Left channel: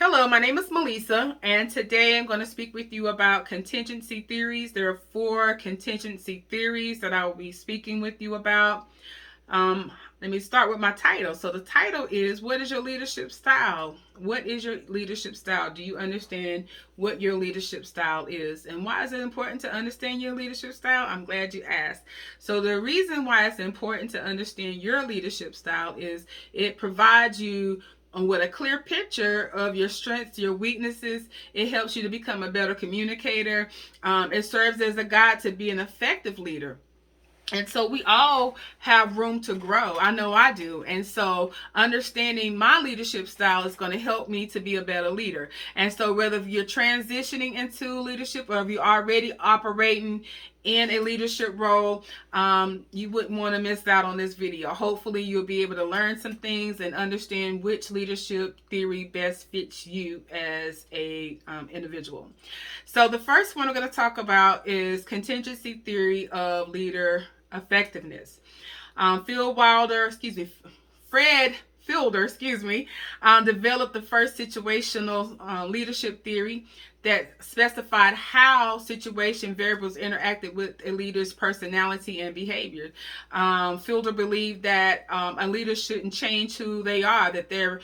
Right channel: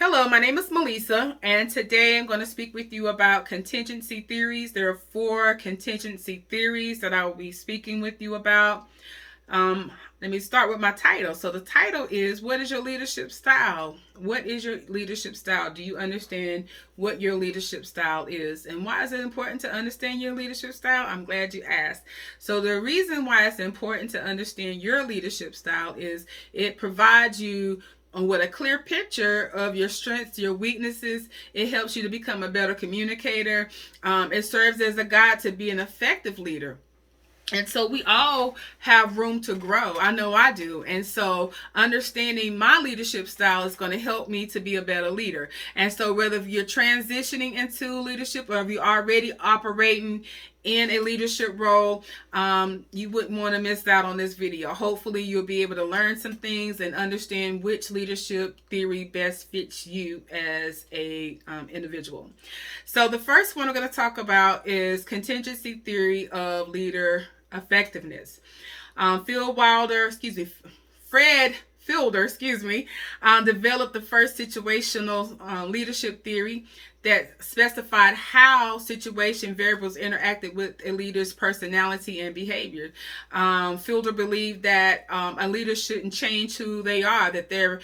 Hello, my name is Melissa, and today I'm going to speak with you about contingency theories. There are 4 contingency theories that I will be speaking with you about. Let me start with my title. So the title is, what is your leadership style? What is your leadership style? Do you understand what your leadership style is? And why is it important to understand your leadership style? I'm glad you asked. So the reason why it's important to understand your leadership style is it provides you with a clear picture of your strengths, your weaknesses. It helps you to become a better communicator. It serves as a guide to be an effective leader. And so we all have room to grow. I know I do. And so understanding my leadership style is going to help me to be a better leader. And so whether you're transitioning into leadership or if you're already operating in a leadership role, you wouldn't want to miss out on this video. Hopefully you'll be able to learn some things and understand which leadership theory best fits you as a individual. So the first one we're going to talk about is contingency theory of leader effectiveness. Fred Fielder, developed the first situational leadership theory that specified how situation variables interacted with a leader's personality and behavior. Fielder believed that a leader shouldn't change who they are, that their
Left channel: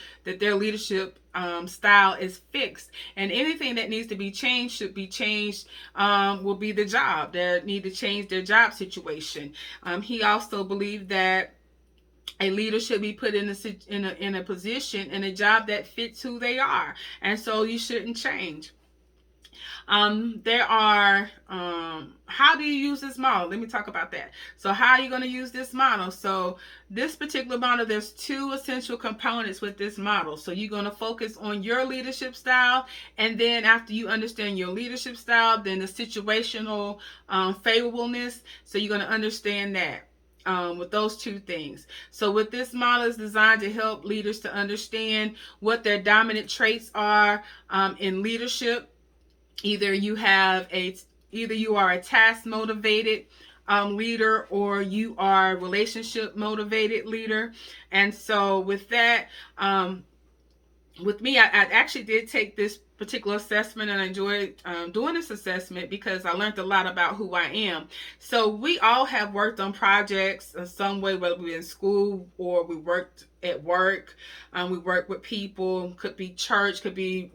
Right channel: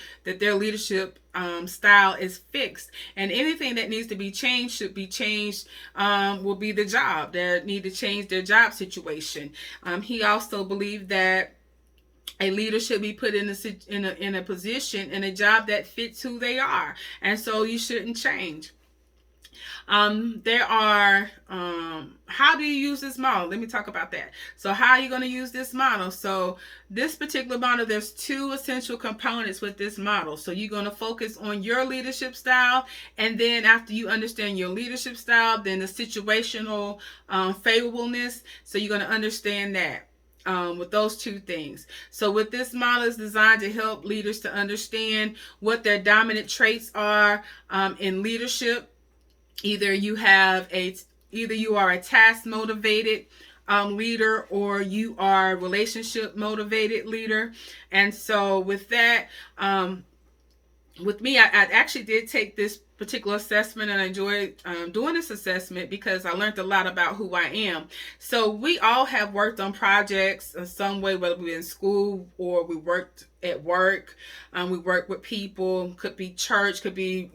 leadership style is fixed, and anything that needs to be changed should be changed. Will be the job. They need to change their job situation. He also believed that a leader should be put in a position in a job that fits who they are, and so you shouldn't change. There are, how do you use this model? Let me talk about that. So how are you going to use this model? So this particular model, there's 2 essential components with this model. So you're going to focus on your leadership style. And then after you understand your leadership style, then the situational favorableness. So you're going to understand that. With those 2 things. So with this model is designed to help leaders to understand what their dominant traits are in leadership. Either you are a task motivated leader, or you are relationship motivated leader. And so with that, with me, I actually did take this particular assessment, and I enjoyed doing this assessment because I learned a lot about who I am. So we all have worked on projects in some way, whether we're in school or we worked at work. We work with people, could be church, could be,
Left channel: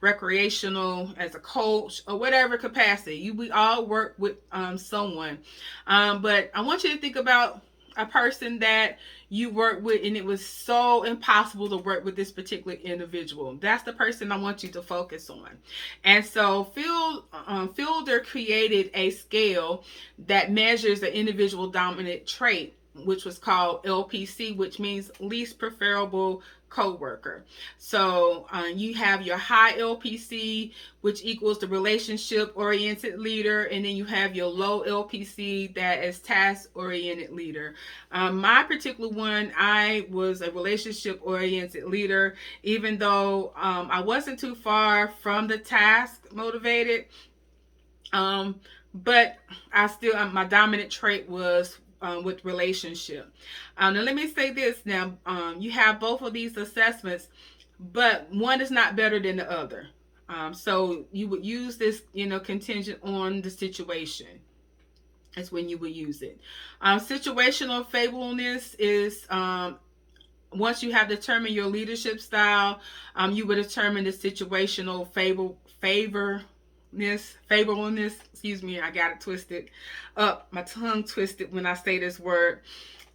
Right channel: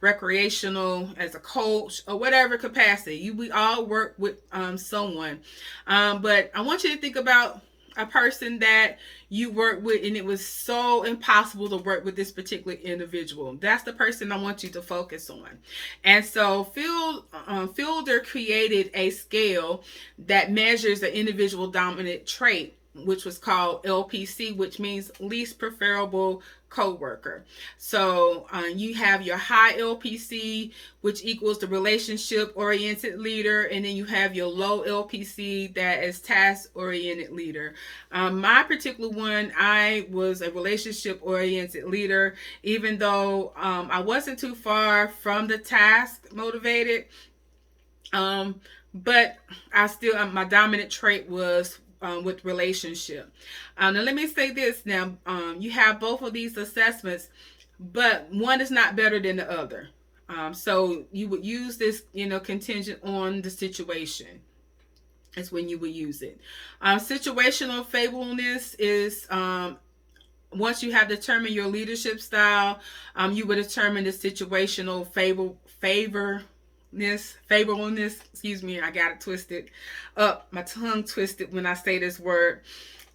recreational, as a coach, or whatever capacity. We all work with someone. But I want you to think about a person that you work with and it was so impossible to work with this particular individual. That's the person I want you to focus on. And so Fielder created a scale that measures the individual dominant trait, which was called LPC, which means least preferable co-worker. So you have your high LPC, which equals the relationship oriented leader, and then you have your low LPC, that is task oriented leader. My particular one, I was a relationship oriented leader, even though I wasn't too far from the task motivated, but I still, my dominant trait was with relationship. Now let me say this. Now you have both of these assessments, but one is not better than the other. So you would use this, contingent on the situation. That's when you would use it. Situational favorableness is once you have determined your leadership style, you would determine the situational favorableness. Excuse me, I got it twisted up. My tongue twisted when I say this word.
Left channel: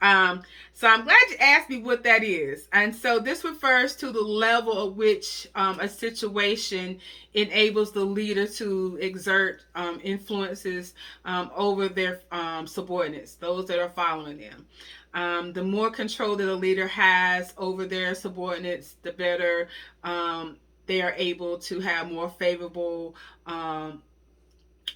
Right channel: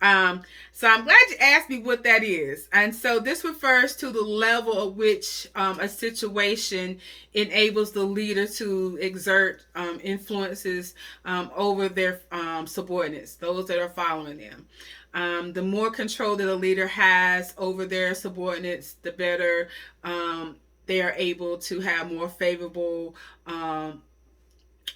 So I'm glad you asked me what that is. And so this refers to the level at which a situation enables the leader to exert influences over their subordinates, those that are following them. The more control that a leader has over their subordinates, the better they are able to have more favorable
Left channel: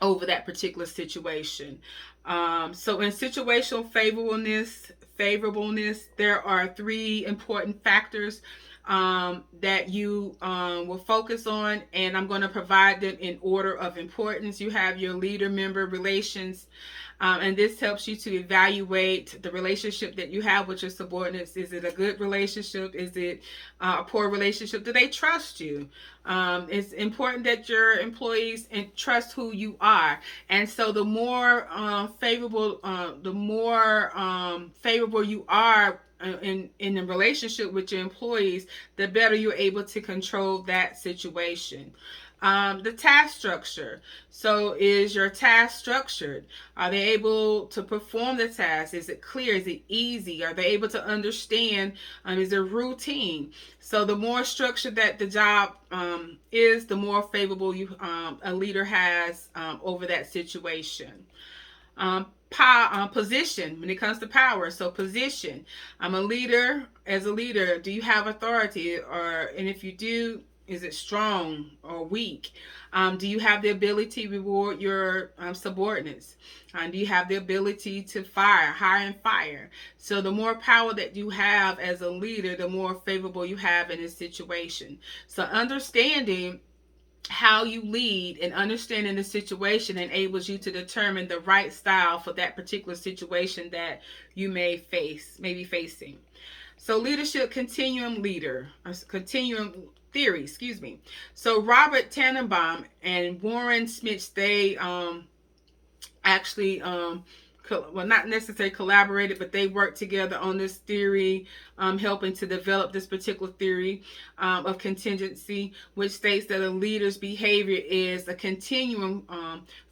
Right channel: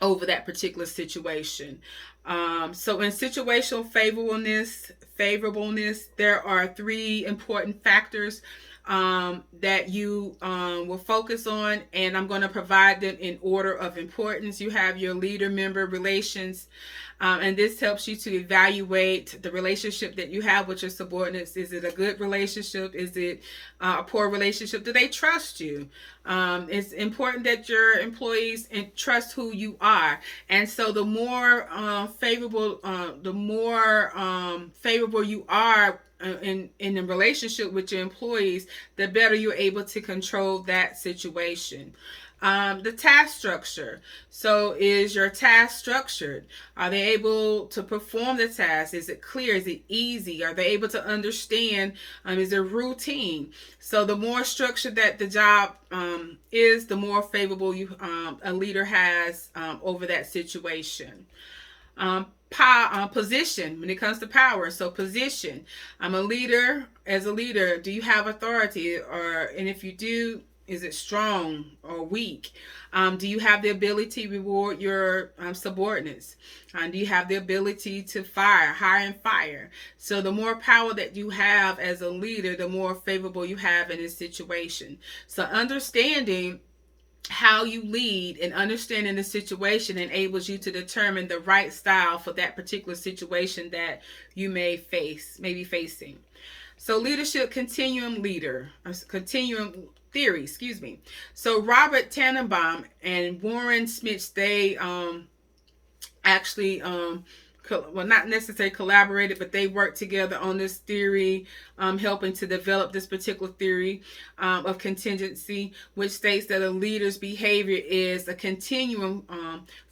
over that particular situation. So in situational favorableness, there are 3 important factors that you will focus on, and I'm going to provide them in order of importance. You have your leader member relations, and this helps you to evaluate the relationship that you have with your subordinates. Is it a good relationship? Is it a poor relationship? Do they trust you? It's important that your employees trust who you are, and so the more favorable you are in the relationship with your employees, the better you're able to control that situation. The task structure. So, is your task structured? Are they able to perform the task? Is it clear? Is it easy? Are they able to understand? Is there routine? So, the more structured that the job is, the more favorable a leader has over that situation. Position when it comes to power. So position. I'm a leader. As a leader, do you have authority, and if you do, is it strong or weak? Do you have the ability to reward your subordinates? Do you have the ability to hire and fire? So the more power that you have as a leader, the more favorable you have in this situation. So understanding how you lead and understanding the situation enables you to determine the right style for that particular situation that you may be facing. So leadership continuum theory, excuse me. So Robert Tannenbaum and Warren Smith, they actually not necessarily collaborated, but they worked together on this theory, helping to develop this particular theory of contingency, which states that a leader's behavior is a continuum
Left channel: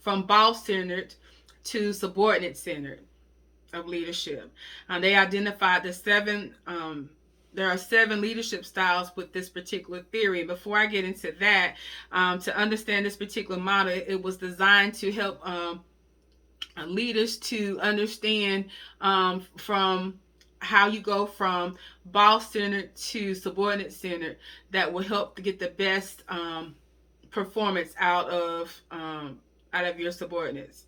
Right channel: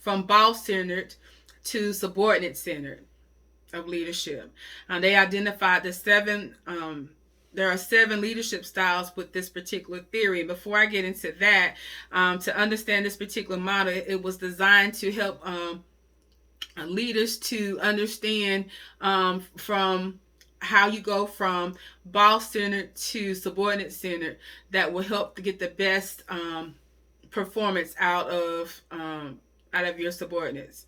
from boss-centered to subordinate-centered of leadership. They identified there are 7 leadership styles with this particular theory. Before I get into that, to understand this particular model, it was designed to help leaders to understand from how you go from boss-centered to subordinate-centered, that will help to get the best performance out of your subordinates.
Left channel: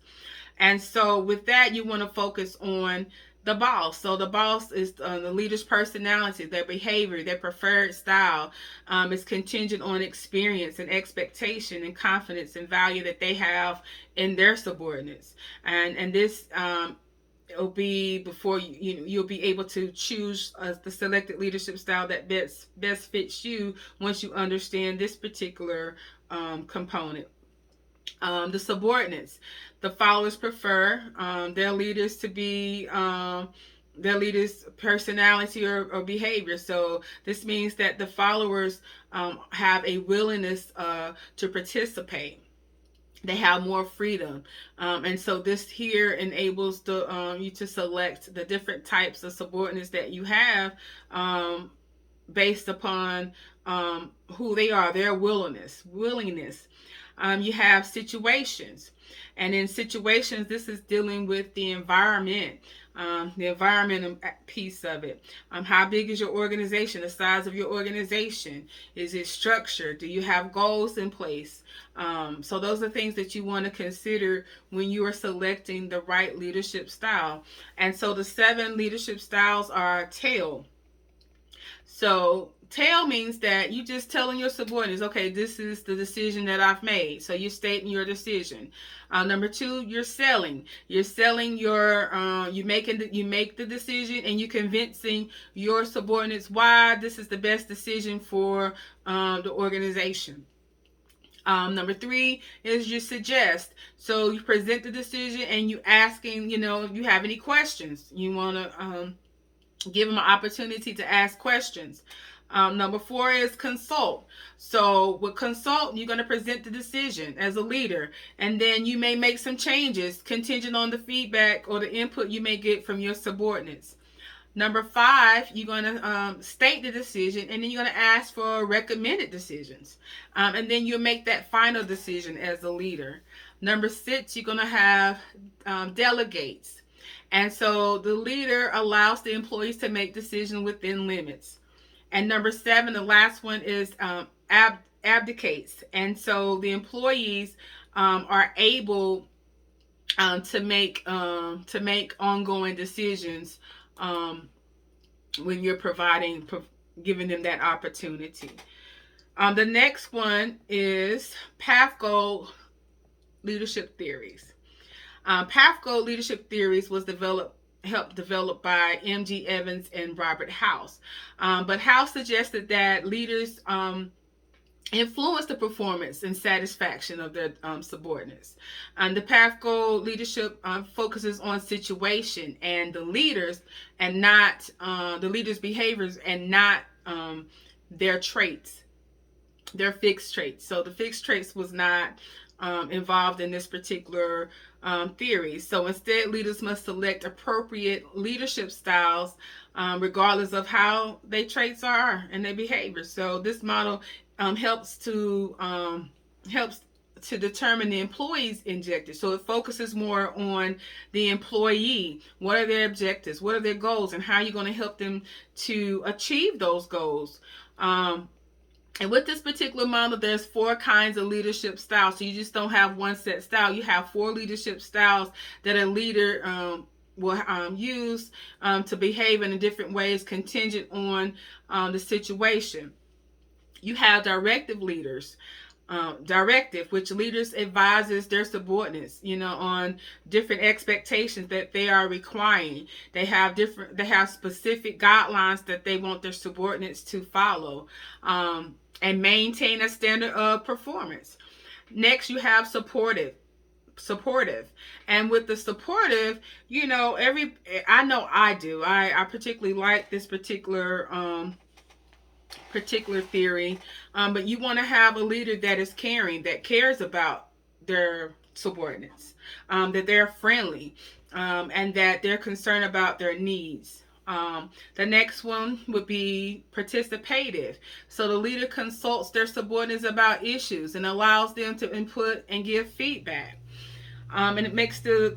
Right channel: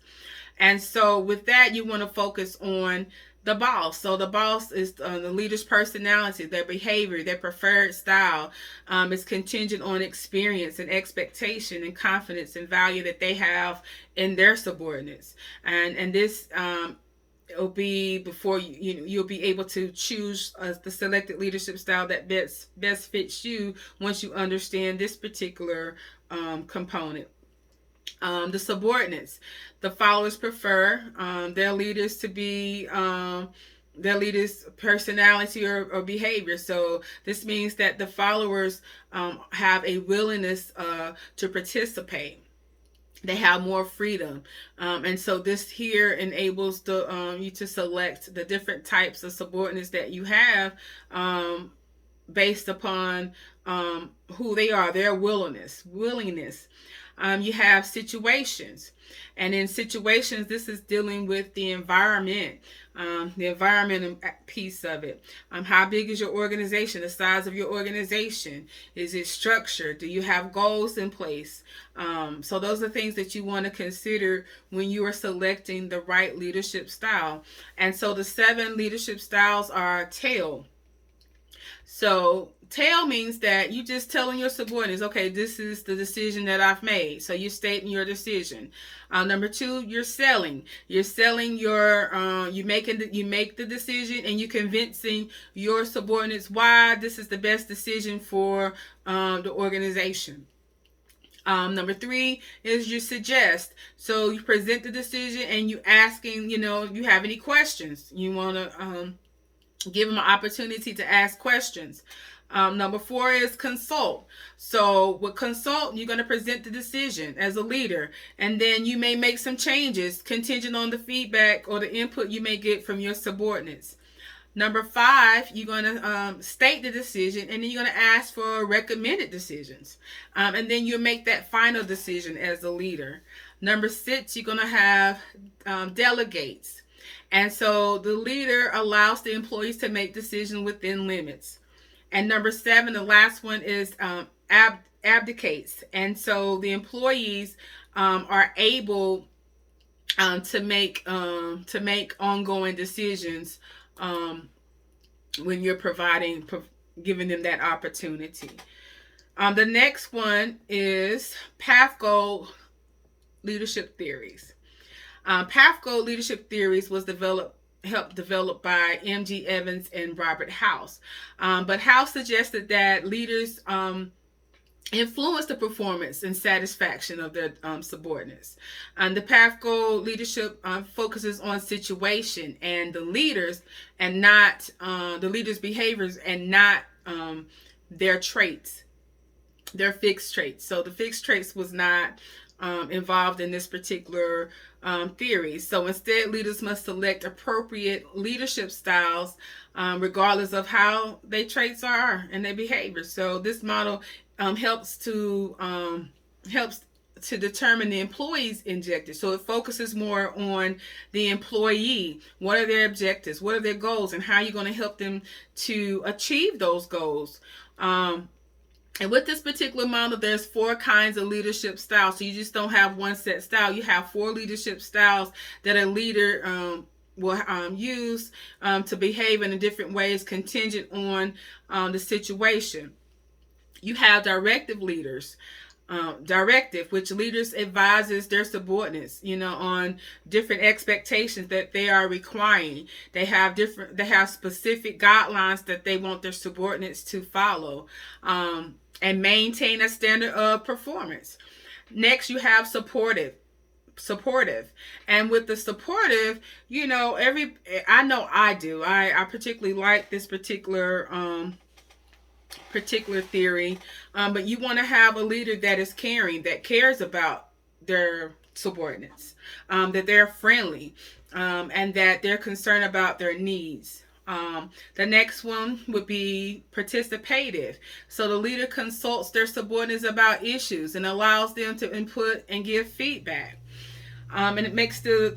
And so with that, you want to focus on the boss. So the boss is the leader's personality, their behavior, their preferred style. Is contingent on experience and expectation and confidence and value that they have in their subordinates. And this it'll be before you'll be able to choose the selected leadership style that best fits you once you understand this particular component. The subordinates. The followers prefer their leaders to be their leaders' personality or behavior. So this means that the followers have a willingness to participate. They have more freedom, and so this here enables you to select the different types of subordinates that you have based upon who they are, their willingness. You have situations, and in situations, this is dealing with the environment piece of it. How big is your organization? The size of your organization. Is it structured? Do you have goals in place? So those are things that you want to consider when you are selecting the right leadership style. And so the 7 leadership styles are tail. So tail means that you just telling your subordinates, okay, this is the decision that I've made. So you're stating your decision. Number 2, you're selling. You're selling you make the decision, and you convincing your subordinates why this is the best decision for the organization. Number 3 is you suggest. So you present the decision, and you asking, you have any questions. You want to give them an opportunity to ask questions. Number 4 is consult. So with consult, you're going to present the decision as a leader, and then you may make some changes contingent on the feedback or the input you may get from your subordinates. Number 5, you're going to state the decision, and then you're going to ask for recommended decisions. And then you'll make that final decision as a leader. Number 6, you're going to have delegates. And so the leader allows the employees to make decisions within limits. And number 7, the last one is abdicates. And so the employees are able to make ongoing decisions when you're providing giving them that opportunity. The next one is path goal leadership theories. Path goal leadership theories was helped develop by M.G. Evans and Robert House. But House suggested that leaders influence the performance and satisfaction of their subordinates. The path goal leadership focuses on situation and the leaders, and not the leaders' behaviors, and not their traits, their fixed traits. So the fixed traits was not involved in this particular theory. So instead, leaders must select appropriate leadership styles regardless of how their traits are and their behaviors. So this model helps to determine the employee's objectives. So it focuses more on the employee. What are their objectives? What are their goals? And how are you going to help them to achieve those goals? And with this particular model, there's 4 kinds of leadership styles. So you just don't have one set style. You have 4 leadership styles that a leader will use to behave in different ways contingent on the situation. You have directive leaders. Which leaders advises their subordinates, on different expectations that they are requiring. They have specific guidelines that they want their subordinates to follow, and maintain a standard of performance. Next, you have supportive. And with the supportive, I know I do. I particularly like this particular theory, but you want to have a leader that is caring, that cares about their subordinates, that they're friendly, and that they're concerned about their needs. The next one would be participative. So the leader consults their subordinates about issues and allows them to input and give feedback, and it makes the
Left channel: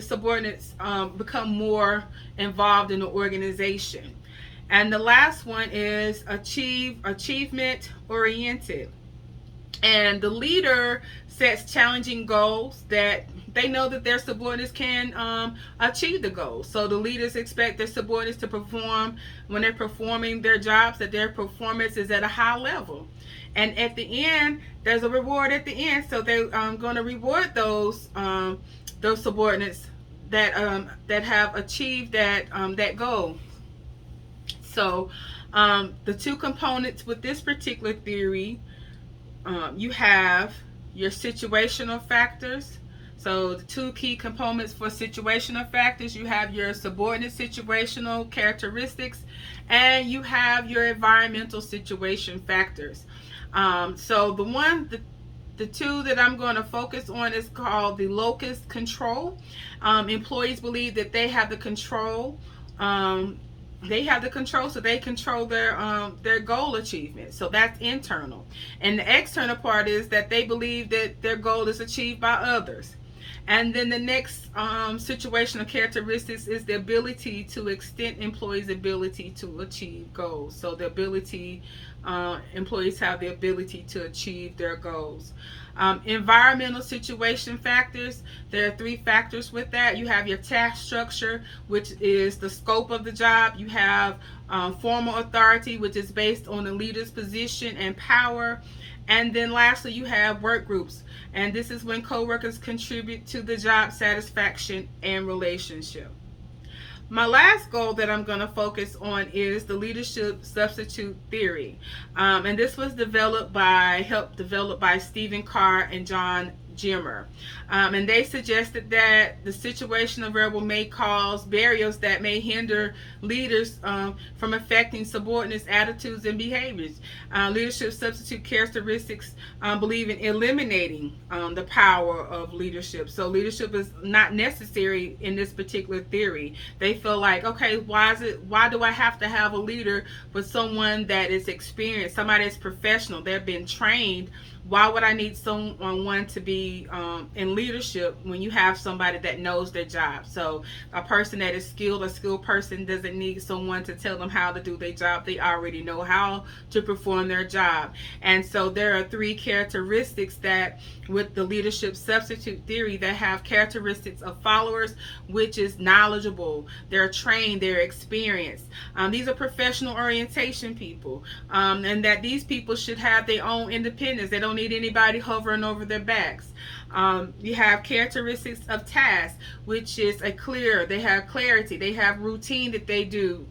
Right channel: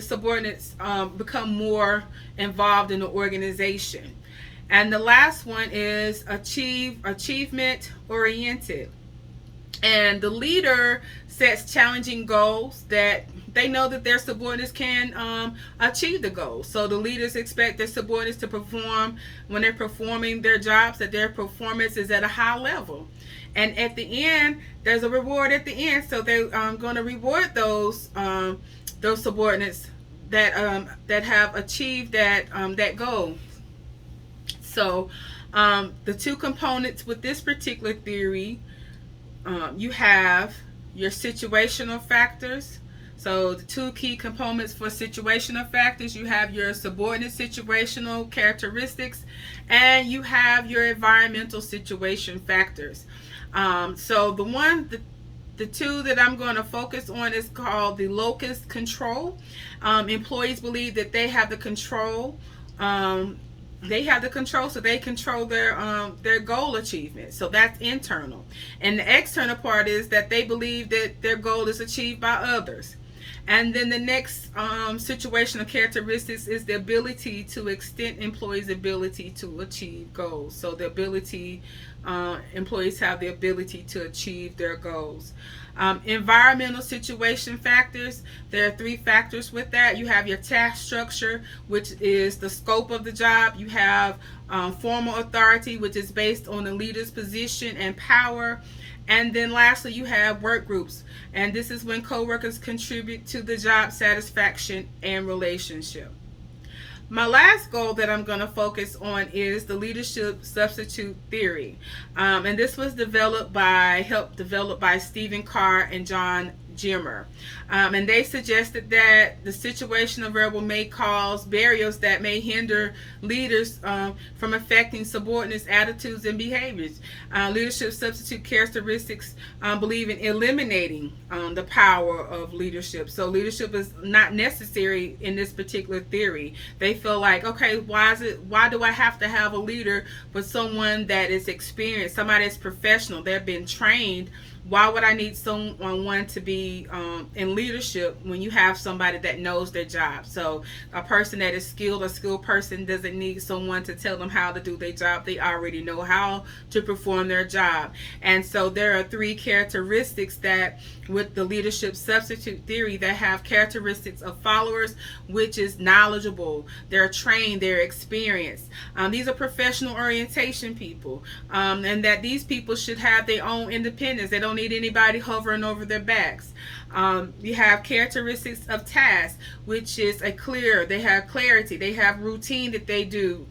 subordinates become more involved in the organization. And the last one is achievement oriented. And the leader sets challenging goals that they know that their subordinates can achieve the goals. So the leaders expect their subordinates to perform, when they're performing their jobs, that their performance is at a high level. And at the end, there's a reward at the end. So they're going to reward those subordinates that have achieved that goal. So the 2 components with this particular theory, you have your situational factors. So the 2 key components for situational factors, you have your subordinate situational characteristics, and you have your environmental situation factors. So the 2 that I'm going to focus on is called the locus control. Employees believe that they have the control. So they control their goal achievement. So that's internal. And the external part is that they believe that their goal is achieved by others. And then the next situational characteristics is the ability to extend employees' ability to achieve goals. So the ability, employees have the ability to achieve their goals. Environmental situation factors, there are 3 factors with that. You have your task structure, which is the scope of the job. You have formal authority, which is based on the leader's position and power. And then lastly, you have work groups. And this is when coworkers contribute to the job satisfaction and relationship. My last goal that I'm going to focus on is the leadership substitute theory. And this was helped developed by Stephen Carr and John Jimmer. And they suggested that the situational variable may cause barriers that may hinder leaders from affecting subordinates' attitudes and behaviors. Leadership substitute characteristics believe in eliminating the power of leadership. So leadership is not necessary in this particular theory. They feel like, okay, why do I have to have a leader but someone that is experienced, somebody that's professional, they've been trained Why would I need someone to be in leadership when you have somebody that knows their job? So a person that is skilled, a skilled person doesn't need someone to tell them how to do their job. They already know how to perform their job. And so there are three characteristics that with the leadership substitute theory that have characteristics of followers, which is knowledgeable, they're trained, they're experienced. These are professional orientation people, and that these people should have their own independence. They don't need anybody hovering over their backs. You have characteristics of task, which is they have clarity, they have routine that they do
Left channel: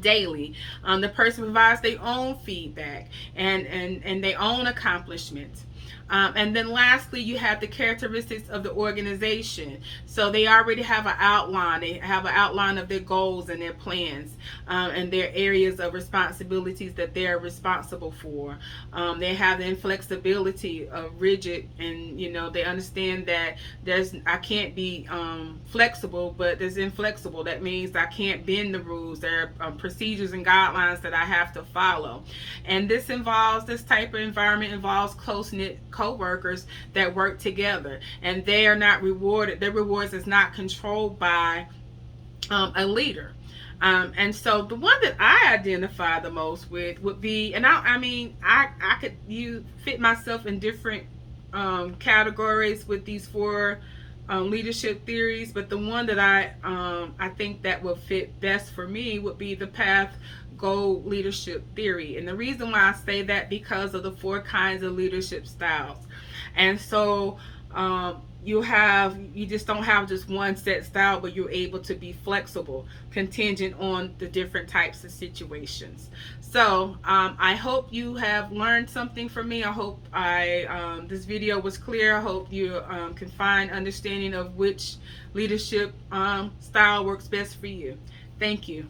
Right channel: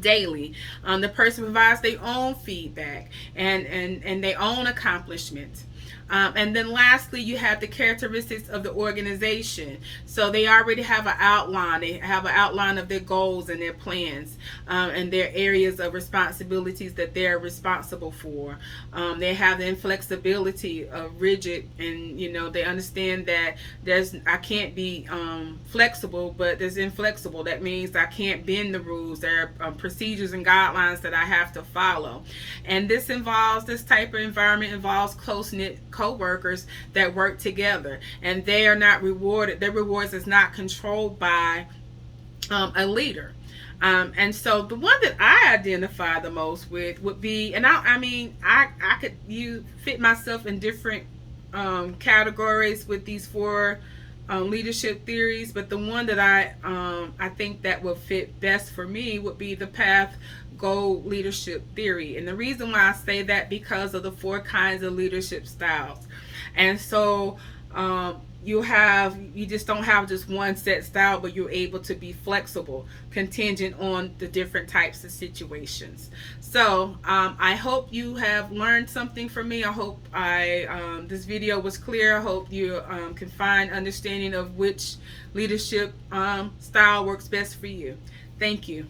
daily. The person provides their own feedback and their own accomplishments. And then lastly, you have the characteristics of the organization. So they already have an outline. They have an outline of their goals and their plans, and their areas of responsibilities that they're responsible for. They have the inflexibility of rigid, and they understand that I can't be flexible, but there's inflexible. That means I can't bend the rules. There are procedures and guidelines that I have to follow. And this type of environment involves close-knit co-workers that work together, and they are not rewarded. Their rewards is not controlled by a leader. And so the one that I identify the most with would be, and I could fit myself in different categories with these four leadership theories, but the one that I think that will fit best for me would be the path goal leadership theory. And the reason why I say that, because of the four kinds of leadership styles. And so you just don't have just one set style, but you're able to be flexible, contingent on the different types of situations. So I hope you have learned something from me. I hope this video was clear. I hope you can find understanding of which leadership style works best for you. Thank you.